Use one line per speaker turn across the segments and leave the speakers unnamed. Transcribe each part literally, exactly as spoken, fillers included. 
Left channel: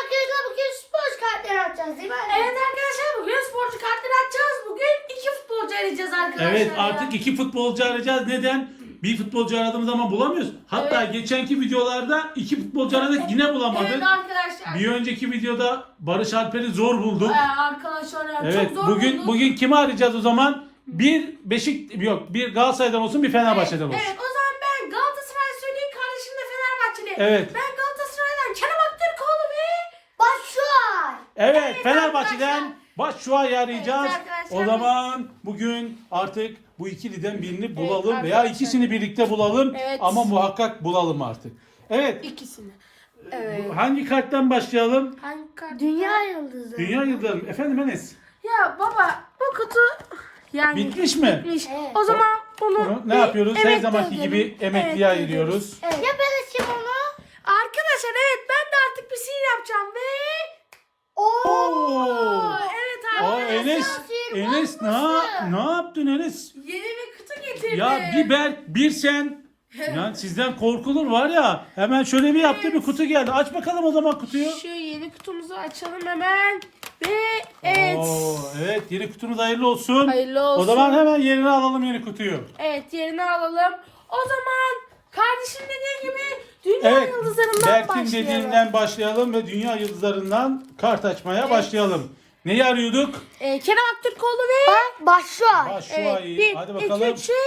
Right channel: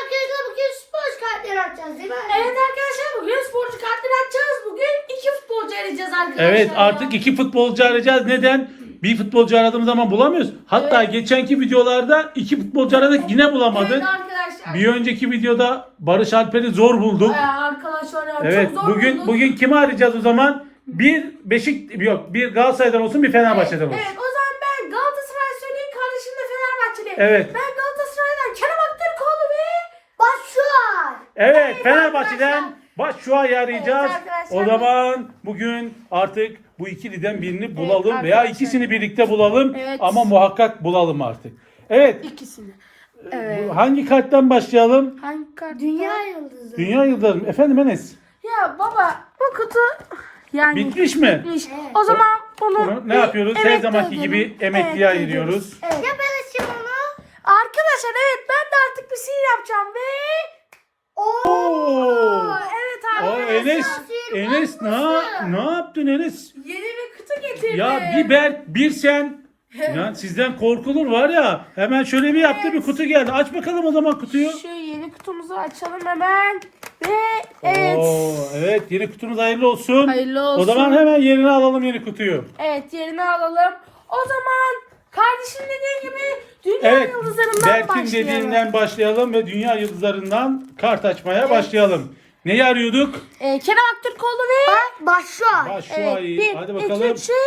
arkadaşlar bugün sporcu kartları açacağız değil mi?
Evet arkadaşlar bugün sporcu kartları açacağız. Bugün iki futbolcu arayacağız arkadaşlar.
Evet
ya.
artık iki futbolcu arayacağız. Neden? Bir futbolcu aradığımız zaman bulamıyoruz. Hatta
Evet.
geçenki videolarda iki futbolcu aradık yine bulamadık.
Evet arkadaşlar.
Bir önceki videoda Barış Alper'i zor bulduk.
Ee, arkadaşlar ya,
Evet
çok zor
bugün
bulduk.
bugün kimi arayacağız o zaman? Bir Beşik yok bir Galatasaray'dan olsun bir Fenerbahçe'den olsun.
Evet o zaman ben Galatasaray söyleyeyim, kardeşim de Fenerbahçeli.
Evet.
Ben Galatasaray'dan Kerem Aktürkoğlu ve
Başlıyor.
Evet,
Evet
Fenerbahçe'den
arkadaşlar.
Başşua'yı arayacağız.
Evet arkadaşlar.
O zaman bugün artık bu ikiliden birini bulalım
Evet
veya
arkadaşlar.
ikisini birlikte bulalım
Evet.
ama muhakkak bulalım artık. Evet.
ikisini.
bu- Hangi karttan başlayalım?
Hangi kart?
Dünya yıldızı.
Dünya yıldızı. Efendim Enes.
Ya baba bu kutu yani
Bitmiş mi?
bitmiş.
Evet.
O zaman bunu,
Bunu ne
bir
yapıyoruz? Her
emekli
zamanki
ödülü-
gibi emekliye
Evet,
ayırıyoruz.
Evet.
Ya ben açayım onu.
Arkadaşlar evet ben de artık bir sihir yapacağım ve
Oo.
Oo.
evet
Aa,
arkadaşlar.
Enes, Enes ne, ne yaptın Enes?
Yeni bir kutu getirdi.
Ya bir Berk, bir sen. Ya sizden korkulur var ya. Hemen şöyle bir yaptı bir kutu geldi. Aç bakalım o zaman kutuyu.
Şu yeni kutumuzu açalım hemen. Ve evet.
Oo, evet yeni kutumuz hayırlı olsun.
Hayırlı olsun.
O zaman hemen yerine alalım yeni kutuyu.
Evet yerini alalım. O zaman kardeşim dediği gibi dünya
Evet
yıldızlarından
Berk'in
başlayalım.
dediğinden başlayalım ve dünya yıldızlarından kart açmaya başlayalım. Neyi arıyorduk?
Ee, Kerem Aktürkoğlu ve
Bak başlıyor.
Başşuayı.
bir,
Hadi
iki,
bakalım.
üç,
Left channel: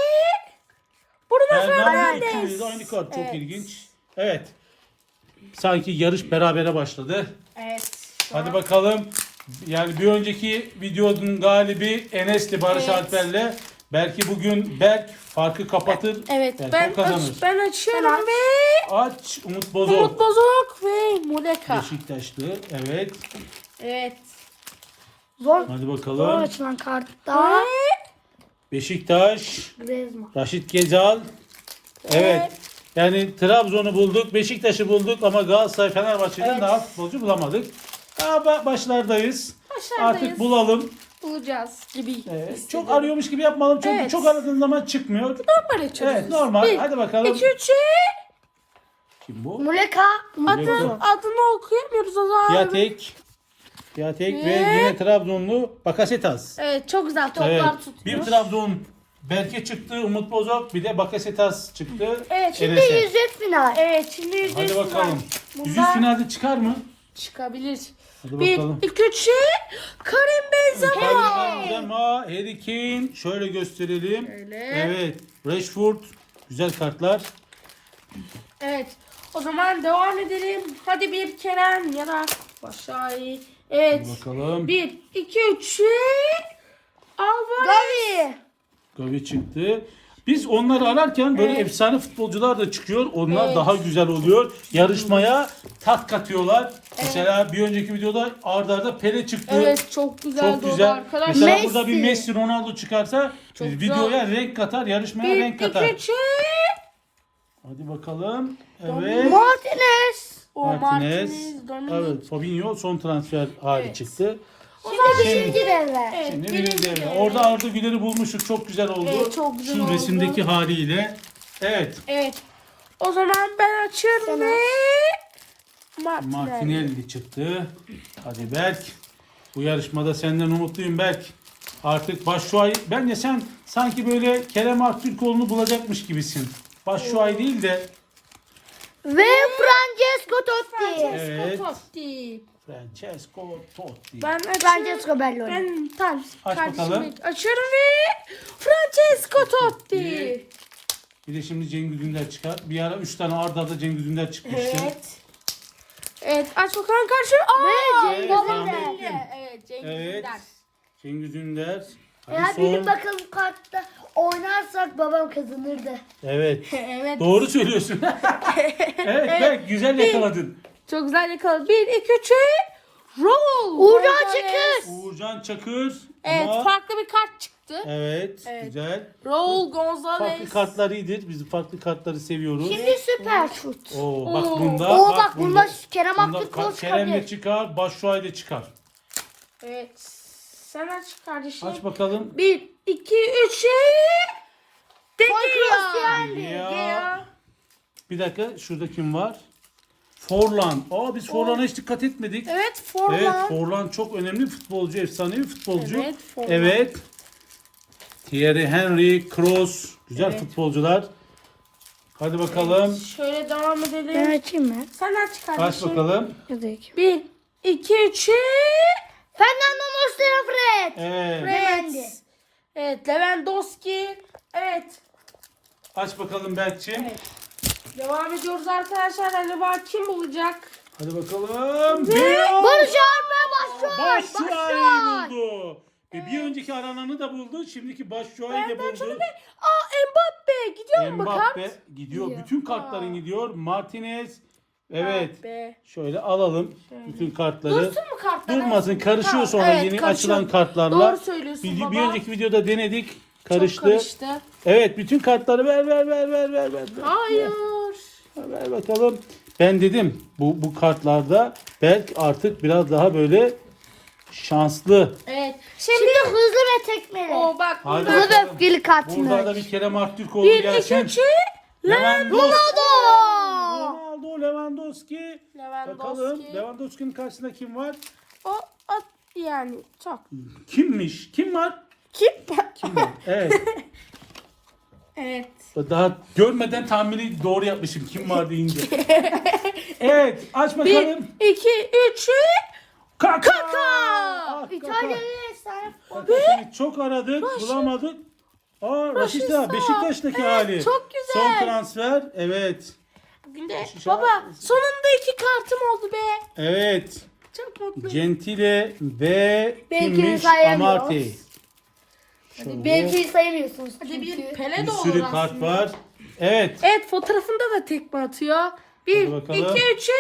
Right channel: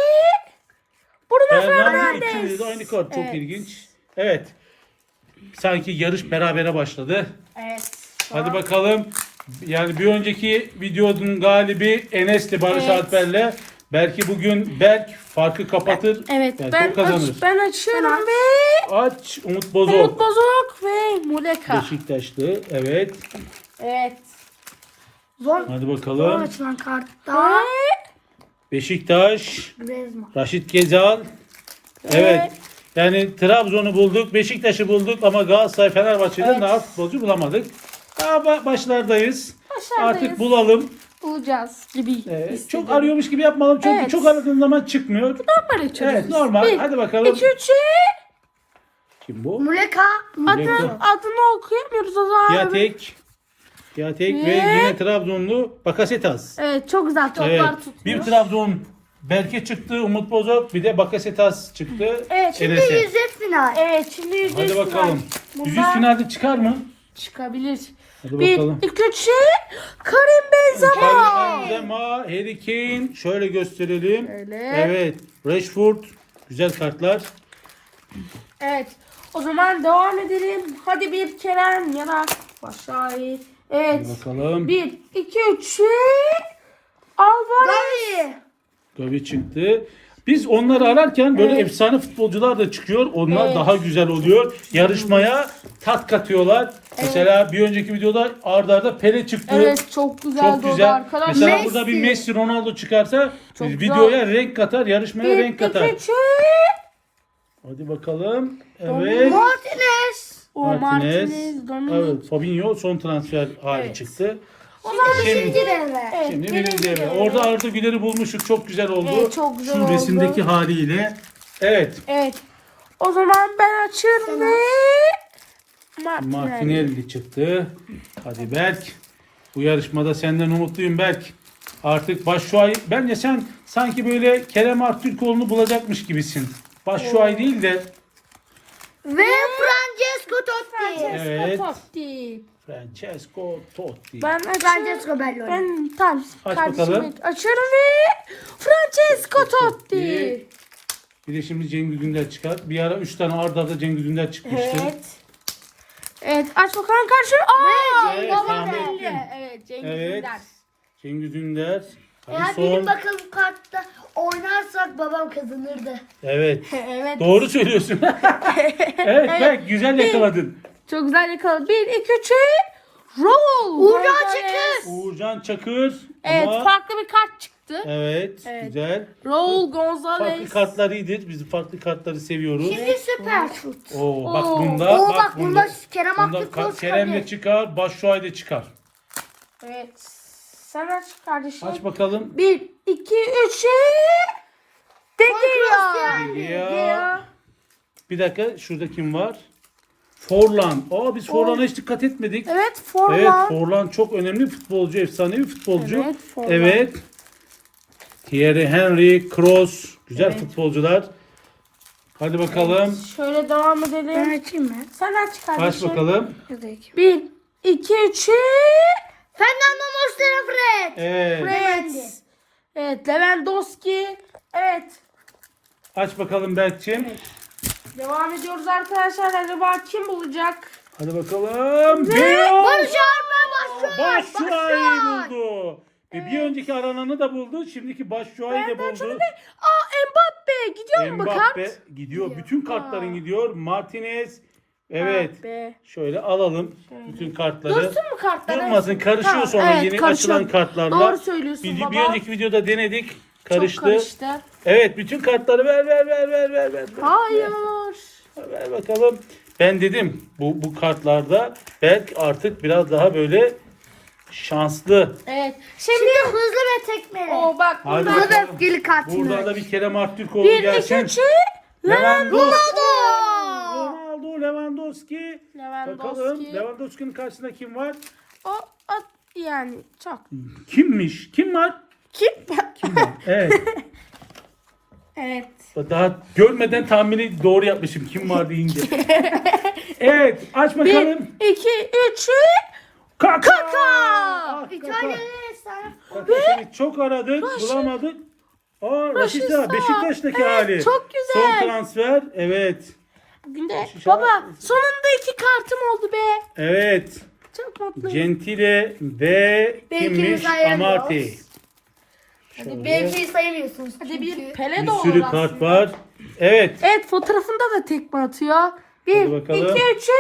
Bruno
Fernando
Fernandes.
ikili de aynı kart. Çok
Evet.
ilginç. Evet. Sanki yarış berabere başladı.
Evet.
Hadi bakalım. Yani bir önceki videonun galibi Enes'ti Barış
Evet.
Alper'le. Belki bugün Berk farkı kapatır.
Evet
Yani
ben,
o kazanır.
aç, ben açıyorum
aç.
ve
Aç Umut Bozok.
Umut Bozok ve Muleka.
Beşiktaşlı. Evet.
Evet.
Zor.
Hadi
Zor
bakalım.
açılan kartta.
Ve
Beşiktaş.
Rezma.
Raşit Gezal. Evet. Yani Trabzon'u bulduk, Beşiktaş'ı bulduk ama Galatasaray, Fenerbahçe'den
Evet.
daha futbolcu bulamadık. Daha ba- başlardayız.
Başlardayız.
Artık bulalım.
bulacağız gibi.
Ee,
hissediyorum.
çok arıyormuş gibi yapmalım çünkü
Evet.
çok aradığın zaman çıkmıyor.
Normal açıyoruz.
Evet normal.
Bir,
Hadi bakalım.
iki, üç,
Kim bu?
Muleka.
Muleka.
adını okuyamıyoruz o zaman.
Piatek. Piatek ve
Ve-
yine Trabzonlu Bakasetas.
Evet çok güzel toplar
Evet.
tutuyor.
Bir Trabzon Berke çıktı, Umut Bozok, bir de Bakasetas çıktı.
Evet,
Şimdi
Enes'e.
yüzük final.
Evet şimdi yüz
Hadi
yüz
bakalım.
final.
Yüzüz
Bunlar
finalde çıkar mı?
çıkabilir.
Hadi
Bir,
bakalım.
iki, üç, Karim Benzema.
Karim Benzema, Harry Kane. Şöyle gösterelim.
Şöyle.
Evet. Rashford. Güzel kartlar.
Evet. O zaman devam edelim. Hadi bir Kerem ya da Başakşehir. Evet.
Hadi bakalım.
Bir, iki, üç, Alvarez.
Gavi.
Gavi çıktı. Biz onları ararken böyle
Evet.
efsane futbolcular da çıkıyor. Onlar
Evet.
daha güzel oluyor. Yarışmaya tat katıyorlar. Mesela bir önceki videoda arda arda Pele çıktı.
Evet çok güzel.
Çok
oldu
güzel.
arkadaşlar.
Mesela
Messi.
burada bir Messi, Ronaldo çıkarsa
Çok
videoya renk katar, yarışmaya
Bir,
renk katar.
iki, üç,
Hadi bakalım. Evet.
Martinez.
Martinez.
Dominic.
Evet. Fabinho son transfer hali
Evet.
çıktı.
Şimdi birinci devre.
Evet,
Şimdi
birinci
birinci devre.
devre.
Orada Arda Güler'i bulmuştuk. Çok güzel oldu.
Evet, çok güzel
Şu
oldu.
resimdeki haliyle. Evet.
Evet. O zaman ben açıyorum ve Martinez.
Martinelli çıktı. Hadi Berk. Bu yarışmada senden umutluyum Berk. Artık Başşuay. Bence sen sanki böyle Kerem Aktürkoğlu'nu bulacakmış gibisin. Başşuay değil de.
Ve Francesco Totti.
Evet.
Totti.
Francesco Totti.
Ben açıyorum.
Francesco Belloni.
Ben tam
Aç
karşımdaki-
bakalım.
Açıyorum ve Francesco Totti.
Bir de şimdi Cengiz Ünder çıkar. Bir ara üç tane arda arda Cengiz Ünder çıkmıştı.
Evet. Evet aç bakalım karşı. Aa,
Evet,
Cengiz
tahmin
Ünder.
ettim.
Evet Cengiz
Evet.
Ünder.
Cengiz Ünder. Hadi
Ya
son.
benim bakalım kartta oynarsak babam kazanırdı.
Evet.
Evet.
Doğru söylüyorsun. evet Berk güzel yakaladın.
Çok güzel yakaladı. Bir, iki, üç. Roll.
Uğurcan
Gonzalez.
Çakır.
Uğurcan Çakır.
Evet
Ama
farklı bir kart çıktı.
evet,
Evet.
güzel.
Roll Gonzalez.
Farklı kartlar iyidir. Biz farklı kartları seviyoruz.
Şimdi süper şut.
Oo, bak
Oo.
bunda.
Oo,
bak
bak bunda Kerem
bunda
Aktürkoğlu
Ka- Kerem de
çıkabilir.
çıkar. Başşuay da çıkar.
Evet. Sen aç kardeşim.
Aç bakalım.
Bir, iki, üç. De Gea.
Ya. Bir dakika şurada kim var? Forlan. Aa biz Forlan'a hiç dikkat etmedik.
Evet Forlan.
Evet, Forlan çok önemli futbolcu, efsanevi futbolcu.
Evet, Forlan.
Evet. Thierry Henry, Kroos, güzel
Evet.
futbolcular. Hadi bakalım.
Şöyle devam edelim.
Ben açayım mı?
Sen aç kardeşim.
Aç bakalım.
Yazık.
Bir, iki, üç.
Fernando Muslera Fred.
Evet.
Levendi.
Evet Lewandowski. Evet.
Aç bakalım Berk'cim.
Devam ediyoruz arkadaşlar. Acaba kim bulacak?
Hadi bakalım. Beyaz.
Barış Alper Başşuay.
Başşuay'ı buldu. Ve bir önceki arananı da buldu. Şimdiki Başşuay'ı da buldu.
Aa Mbappe. Gidiyor mu bu
Mbappe
kart?
gidiyor. Bütün kartların gidiyor. Martinez. Evet.
Mbappe.
Şöyle alalım bütün kartları.
Dursun mu kartlar?
Durmasın, karışıyor
Ha,
sonra
evet,
yeni
karışıyor.
açılan kartlarla.
Doğru söylüyorsun
Bir,
baba.
bir önceki videoda denedik.
Çok
Karıştı.
karıştı.
Evet, bütün kartları ver ver ver ver ver ver.
Hayır.
Ver bakalım. Ben dedim bu bu kartlarda Berk artık biraz daha böyle şanslı.
Evet. Şimdi,
Şimdi hızlı ve tekmeli.
o bak
Hadi
burada.
Hızlı ve
bakalım.
öfkeli kartını.
Buradan da bir Kerem Aktürkoğlu
Bir, iki,
gelsin.
üç.
Lewandowski.
Ronaldo.
Ronaldo, Lewandowski.
Lewandowski.
Bakalım Lewandowski'nin karşısında kim var?
O, o yani çok.
Kimmiş? Kim var?
Kim?
Kim var? Evet.
Evet.
Daha görmeden tahmini doğru yapmışım kim var deyince. Evet, aç
Bir,
bakalım.
iki, üç.
Kaka.
Kaka.
Ah, Kaka.
İtalya'ya efsane.
Kaka seni çok aradık, bulamadık. Aa, Raşit'a, Beşiktaş'taki hali.
Çok güzel.
Son transfer. Evet.
Günde.
Şu an-
Baba sonunda iki kartım oldu be.
Evet.
Çok mutlu.
Gentile ve
Belki
kimmiş?
sayamıyoruz.
Amartey. Şöyle
Belki sayamıyorsunuz.
Hadi bir
çünkü.
Pele
bir
de
sürü
olur
kart
aslında.
var. Evet.
Evet fotoğrafında da tekme atıyor.
Hadi
Bir,
bakalım.
iki, üç.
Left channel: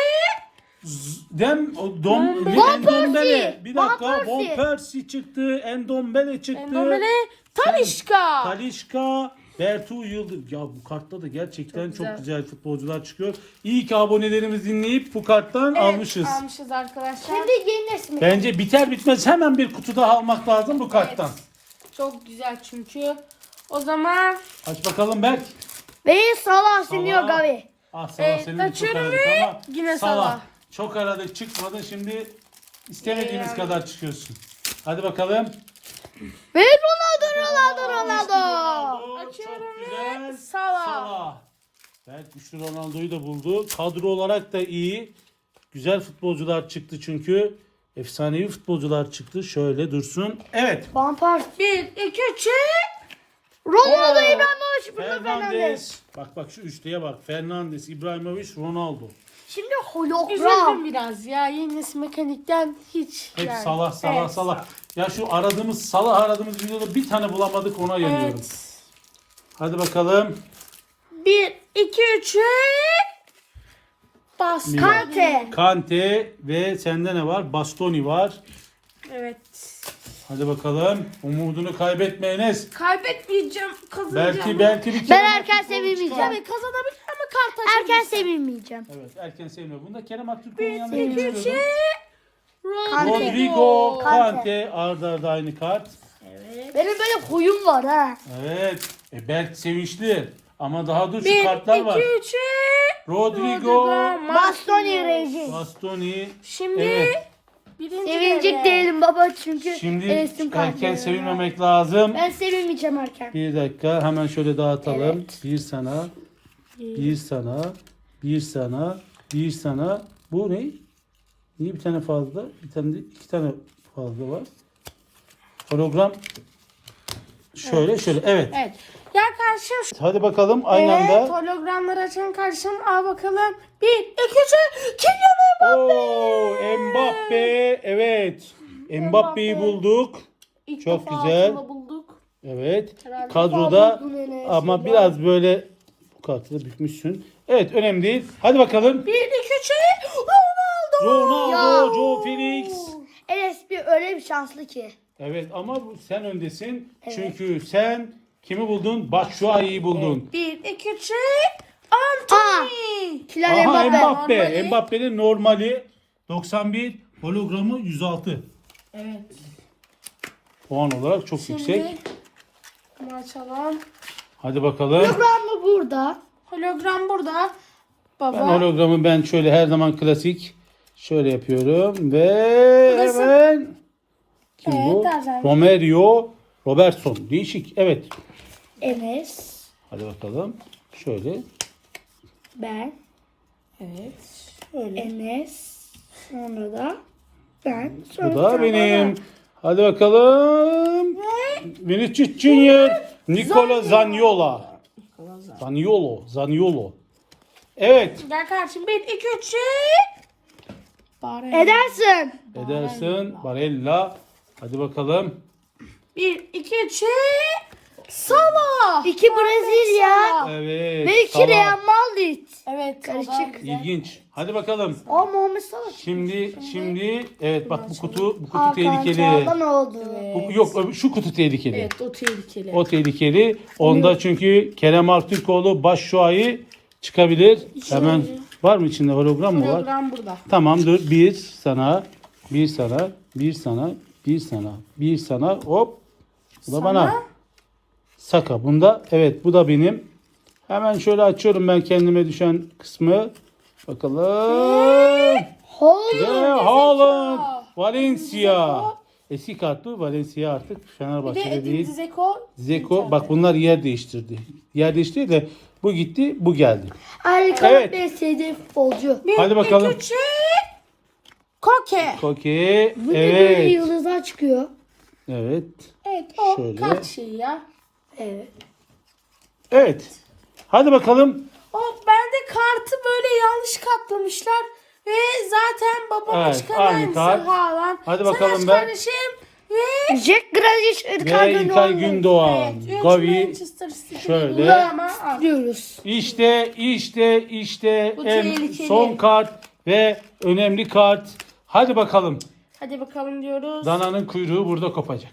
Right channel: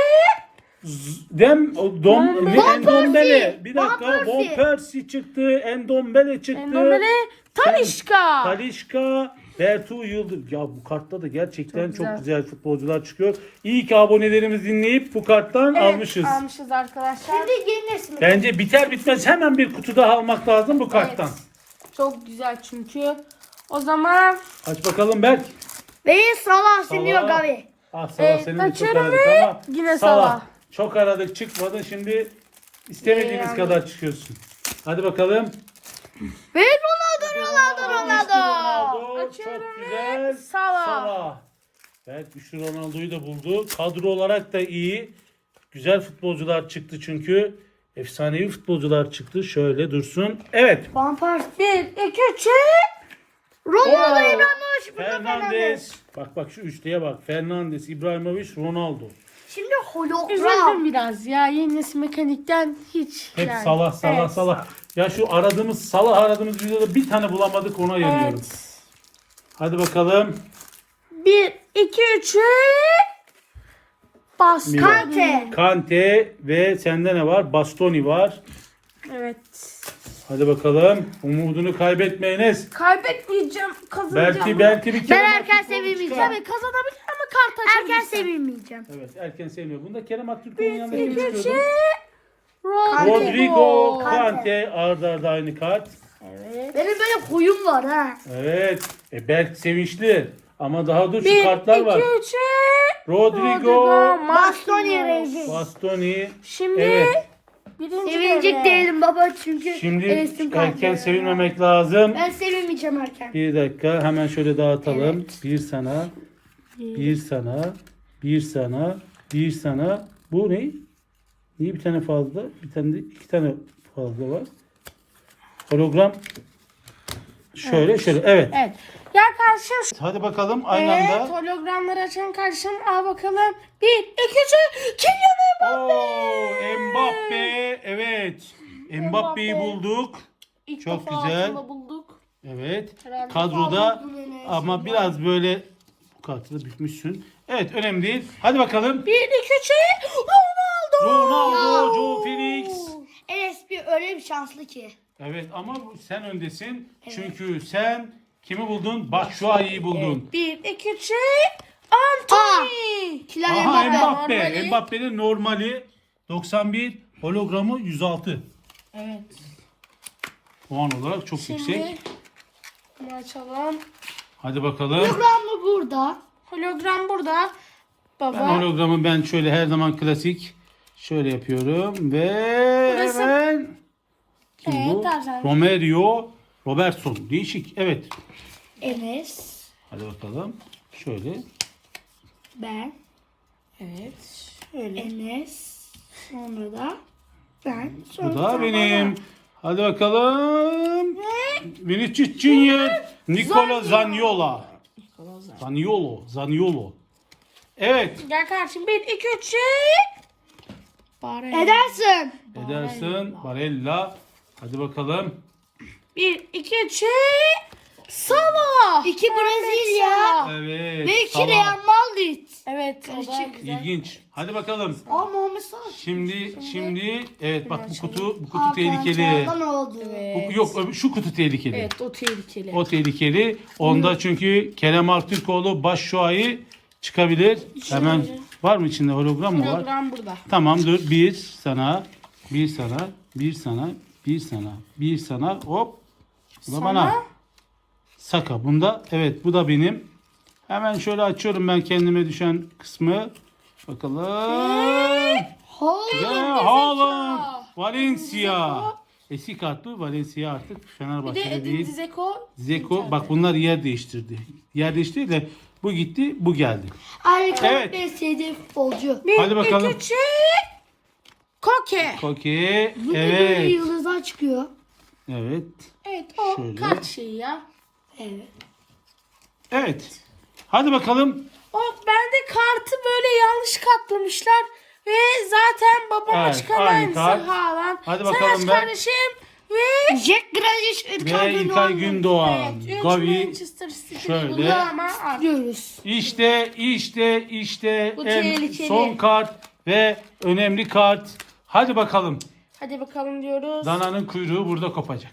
Dem o dom ne
Van
Endombele.
Persie.
Bir dakika.
Van
Von
Persie.
Persie çıktı. Endombele çıktı.
Endombele,
Sen-
Talisca.
Talişka, Bertu Yıldız. Ya bu kartta da gerçekten çok,
Çok
güzel.
güzel.
futbolcular çıkıyor. İyi ki abonelerimiz dinleyip bu karttan
Evet,
almışız.
Almışız arkadaşlar.
Şimdi yeni resmi.
Bence biter bitmez hemen bir kutu daha almak lazım bu karttan.
Çok güzel çünkü. O zaman
Aç bakalım Berk.
Ve Salah Sinio
Salah.
Gavi.
Ah Salah
Evet,
seni de çok
açıyorum
aradık
ve
ama
yine Salah.
Çok aradık çıkmadı. Şimdi istemediğimiz
Yani.
kadar çıkıyorsun. Hadi bakalım.
Ve Ronaldo Ronaldo
İşte
Ronaldo.
Ronaldo. Çok güzel.
Salah.
Salah. Evet güçlü Ronaldo'yu da buldu. Kadro olarak da iyi. Güzel futbolcular çıktı çünkü. Efsanevi futbolcular çıktı. Şöyle dursun. Evet.
Van Persie.
bir, iki, üç.
Ronaldo
Oo.
İbrahimovic. Bruno Fernandes.
Fernandes. Bak bak şu üçlüye bak. Fernandes, İbrahimovic, Ronaldo.
Şimdi hologram.
Üzüldüm biraz ya. Yeni nesil mekanikten hiç.
Hep
yani.
Salah, Salah,
Evet.
Salah. Ya şu aradığımız Salah aradığımız videoda bir tane bulamadık ona yanıyorum.
Evet.
Hadi bakalım.
bir, iki, üç. Bas.
Bir-
Kante.
Kante ve sende ne var? Bastoni var.
Evet.
Hadi bakalım. Umudunu kaybetme Enes.
Kaybetmeyeceğim. Kazanacağım.
Belki belki bir
Ben
Kerem
erken
Aktürkoğlu
sevinmeyeceğim.
çıkar.
Evet kazanabilir ama kart
Erken
açabilirsin.
sevinmeyeceğim.
Evet erken sevmiyor. Bunda Kerem Aktürkoğlu'nun yanında kim
iki, üç.
çıkıyordu?
Rodrigo.
Rodrigo,
Kante.
Kante, arda arda aynı kart.
Evet.
Benim böyle huyum var ha.
Evet. E Berk sevinçli. Ama daha dur şu
bir,
kartlar var.
iki, üç.
Rodrigo,
Bastoni Reis.
Bastoni.
Şimdi
Evet.
birinci
Sevinecek
devre.
değilim baba çünkü
Şimdi
Enes'im
erken
kalkıyor.
sevinmemek lazım.
Ben sevinmeyeceğim erken.
Bir dakika hemen şöyle dağıtalım. Bir sana, bir sana, bir sana, bir sana. Bu ne? Niye bir tane fazla? Bir tane de iki tane fazla var. Hologram. Şöyle şöyle. Evet.
Evet. Gel karşım.
Hadi bakalım aynı
Evet,
anda.
hologramları açan karşım. Al bakalım. Bir, iki, üç. Kylian Mbappe.
Oo, Mbappe. Evet. Mbappe'yi
Mbappe.
bulduk.
İlk
Çok
defa
güzel.
aslında bulduk.
Evet.
Herhalde.
Kadroda
buldun Enes.
ama biraz böyle bu kartı bitmişsin. Evet önemli değil. Hadi bakalım.
Bir, iki, üç. Ronaldo.
Ronaldo,
Ya.
Joe Felix.
Enes bir öyle bir şanslı ki.
Evet ama bu- sen öndesin. Çünkü sen kimi buldun? Batshuayi'yi buldun.
Bir, iki, üç. Anthony.
Kylian
Aha,
Mbappe.
Mbappe.
Normali.
Mbappe'nin normali doksan bir, hologramı yüz altı.
Evet.
Puan olarak çok
Şimdi
yüksek.
bunu açalım.
Hadi bakalım.
Hologram mı burada?
Hologram burada.
Ben
Baba.
hologramı ben şöyle her zaman klasik şöyle yapıyorum ve
Burası-
hemen kim
Evet,
bu?
Tarzan.
Romerio Robertson. Değişik. Evet.
Enes.
Hadi bakalım. Şöyle.
Ben.
Evet. Şöyle.
Enes. Sonra da ben.
Bu
Sonra
da benim. Hadi bakalım. Vinicius Junior Nicola Zaniolo. Zaniolo. Zaniolo. Evet.
Gel kardeşim. Bir, iki, üç. Barella.
Edersin.
Ederson. Barella. Hadi bakalım.
Bir, iki, üç. Salah.
İki Brezilya.
Evet.
Ve iki
tamam.
Real Madrid.
Evet.
Karışık.
Salah güzel.
İlginç. Hadi bakalım.
Aa Muhammed Salah.
Şimdi şimdi evet bak bu kutu bu kutu
Hakan
tehlikeli.
Çalhanoğlu oldu.
Bu- Yok şu kutu tehlikeli.
Evet, o tehlikeli.
O tehlikeli. Onda çünkü Kerem Aktürkoğlu Başşuay'ı çıkabilir. Hemen var mı içinde hologram mı var?
Hologram burada.
Tamam dur. Bir sana, bir sana, bir sana, bir sana, bir sana. Hop. Bu da
Sana.
bana. Saka. Bunda evet bu da benim. Hemen şöyle açıyorum ben kendime düşen kısmı. Bakalım.
Hollywood.
Ve Haaland. Valencia. Eski kartlı Valencia artık
Bir de
Fenerbahçe'de
Edin
değil.
Dzeko.
Zeko bak bunlar yer değiştirdi. Yer değiştirdi de bu gitti bu geldi.
Harika
Evet.
bir sevdiğim futbolcu.
Bir,
Hadi bakalım.
iki, üç. Koke.
Koke.
Bu ne böyle
Evet.
yıldızlar çıkıyor.
Evet.
Evet, o
Şöyle.
kart şeyi ya.
Evet.
Evet. Hadi bakalım.
O bende kartı böyle yanlış katlamışlar. Ve zaten babama
Evet,
çıkan
aynı
aynısı
kart.
Haaland.
Hadi
Sen
bakalım
aç
ben.
kardeşim. Ve
Jack Grealish,
Ve
Ilkay
İlkay
Gündoğan
Gündoğan.
evet, üç
Gavi.
Manchester City'li
Şöyle.
buldu ama artık.
diyoruz.
İşte işte işte
Bu
en
tehlikeli.
son kart ve önemli kart. Hadi bakalım.
Hadi bakalım diyoruz.
Dananın kuyruğu burada kopacak.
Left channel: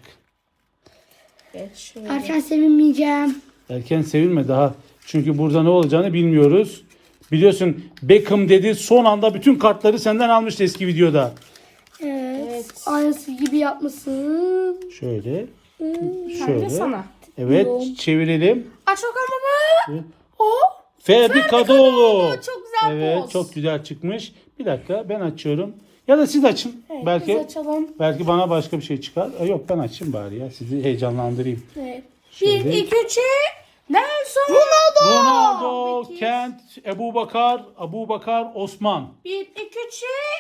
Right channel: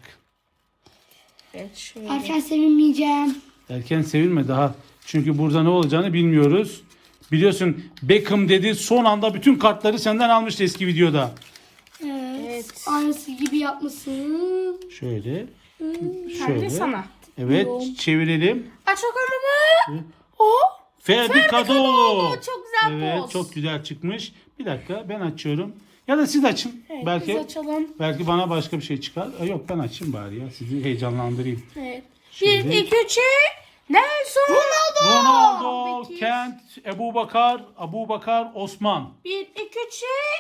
Evet, şöyle.
Erken sevinmeyeceğim.
Erken sevilme daha. Çünkü burada ne olacağını bilmiyoruz. Biliyorsun Beckham dedi son anda bütün kartları senden almıştı eski videoda.
Evet.
Evet.
Aynısı gibi yapmasın.
Şöyle.
Sen de
Şöyle.
sana.
Evet
Yok.
çevirelim.
Aç bakalım baba. O.
Ferdi Kadıoğlu.
Kadıoğlu, çok güzel
Evet
poz.
çok güzel çıkmış. Bir dakika ben açıyorum. Ya da siz açın.
Evet,
belki
biz açalım.
belki bana başka bir şey çıkar. E, yok ben açayım bari ya. Sizi heyecanlandırayım.
Evet.
Şimdi-
Bir, iki, üç. Nelson. Ronaldo.
Ronaldo,
Peki.
Kent, Ebu Bakar, Abu Bakar, Osman.
Bir, iki, üç.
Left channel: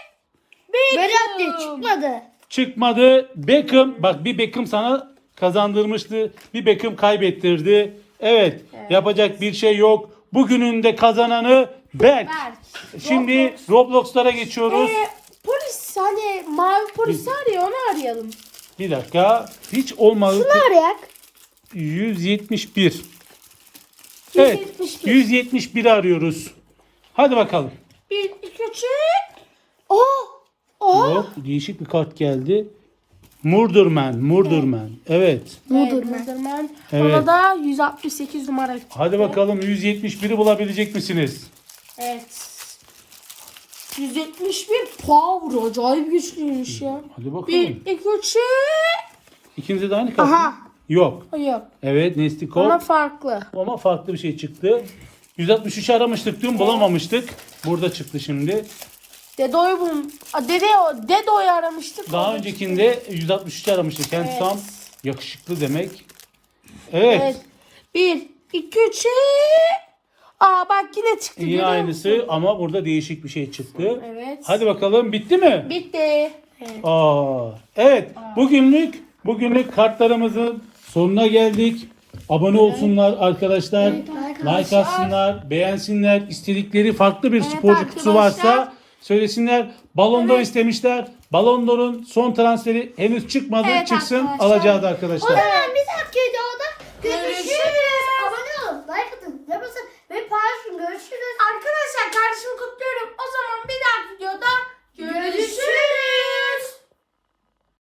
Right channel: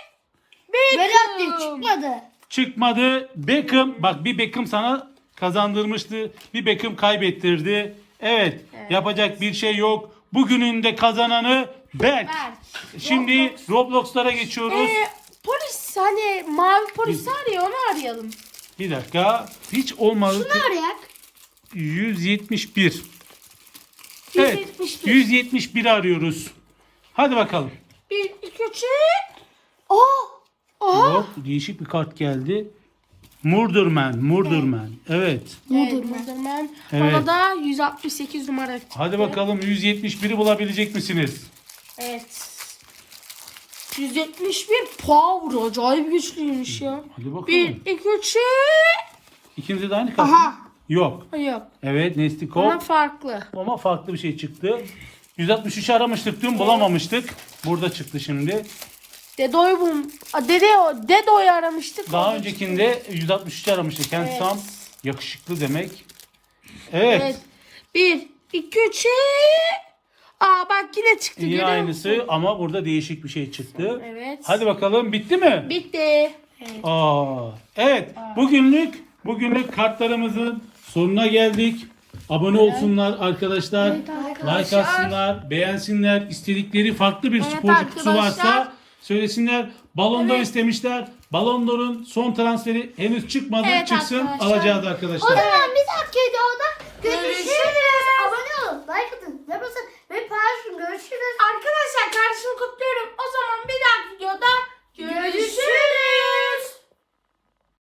Berat çıkmadı.
Çıkmadı. Beckham. Bak bir Beckham sana kazandırmıştı. Bir Beckham kaybettirdi. Evet,
Evet.
yapacak bir şey yok. Bugünün de kazananı Berk.
Berk.
Şimdi
Roblox.
Roblox'lara geçiyoruz.
Ee, polis hani mavi polis var ya onu arayalım.
Bir dakika. Hiç olmadı.
Şunu arayak.
yüz yetmiş bir.
yüz
Evet.
yetmiş bir.
yüz yetmiş bir arıyoruz. Hadi bakalım.
Bir, iki, üç.
Oh.
Oha.
Yok, değişik bir kart geldi. Murderman, Murderman. Evet.
Evet,
Mudurman.
Mudurman.
Evet.
Bana da yüz altmış sekiz numara çıktı.
Hadi bakalım yüz yetmiş biri bulabilecek misiniz?
Evet. yüz yetmiş bir power. Acayip güçlüymüş ya.
Hadi bakalım.
Bir, iki, üç.
İkimize de aynı kart.
Aha.
mı? Yok.
Hayır.
Evet, Nestikov.
Ona
Ama,
farklı.
farklı bir şey çıktı. yüz altmış üç aramıştık dün bulamamıştık. Burada çıktı şimdi.
Dedo'yu bul. Dede, Dedo'yu aramıştık.
Daha
orada
öncekinde
çıktı.
yüz altmış üç aramıştık. Yani
Evet.
şu an yakışıklı demek. Evet.
Evet. Bir, iki, üç. Aa bak yine çıktı.
Yine
Görüyor
aynısı
musun?
ama burada değişik bir şey çıktı.
Evet.
Hadi bakalım bitti mi?
Bitti. Evet.
Aa, evet. Bugünlük bugünlük kartlarımızın sonuna geldik. Abone olsunlar arkadaşlar.
Evet
Like
arkadaşlar.
atsınlar, beğensinler. İstedikleri farklı bir
Evet
sporcu kutusu
arkadaşlar.
varsa söylesinler. Ballon d'Or
Evet.
istemişler. Ballon d'Or'un son transferi henüz çıkmadı.
Evet
Çıksın
arkadaşlar.
alacağız
O
arkadaşlar.
zaman bir dahaki videoda görüşürüz.